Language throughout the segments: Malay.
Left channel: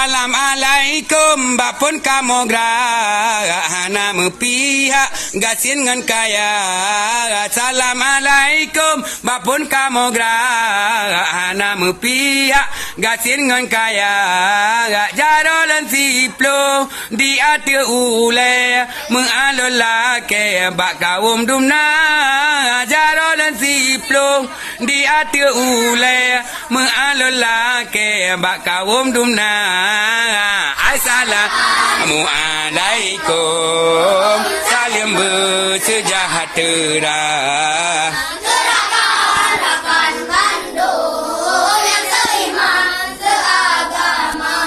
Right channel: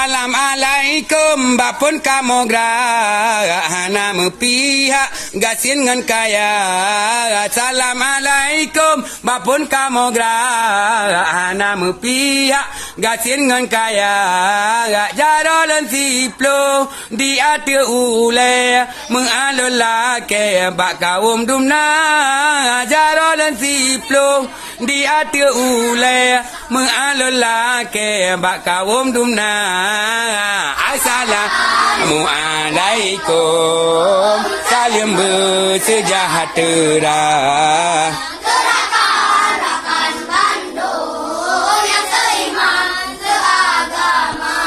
Assalamualaikum bapun kamu gerahana mepihak gasin ngan kaya. Assalamualaikum bapun kamu gerahana mepihak gasin ngan kaya. Jarolan siplo di ati ule mengalul lake bak kaum dumna. Jarolan siplo di ati ule mengalul lake bak kaum dumna. Assalamualaikum salam bersejahtera. Gerakan Bandung yang seiman seagama,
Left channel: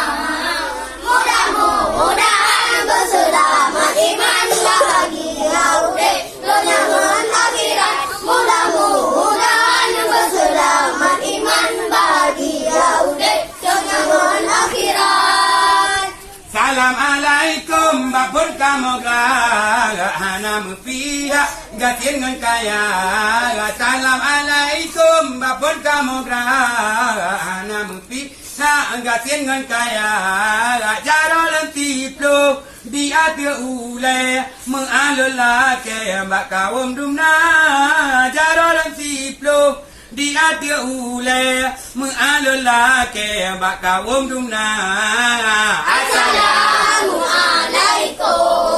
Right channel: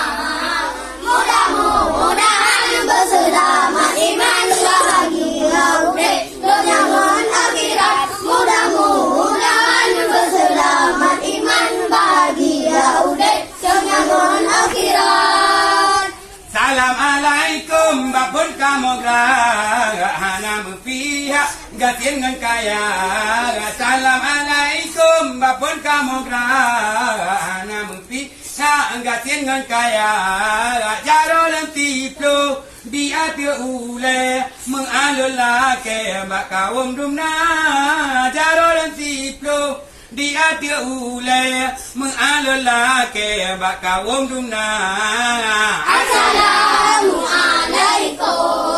mudah-mudahan berselamat iman bahagia urip lonangan akhirat. Mudah-mudahan berselamat iman bahagia urip lonangan akhirat. Assalamualaikum bapun kamu gerahana mepihak gasin ngan kaya. Assalamualaikum bapun kamu gerahana mepihak gasin ngan kaya. Jarolan tiplo di ati ule mengalul lake bak kaum dumna. Jarolan tiplo di ati ule mengalul lake bak kaum dumna. Assalamualaikum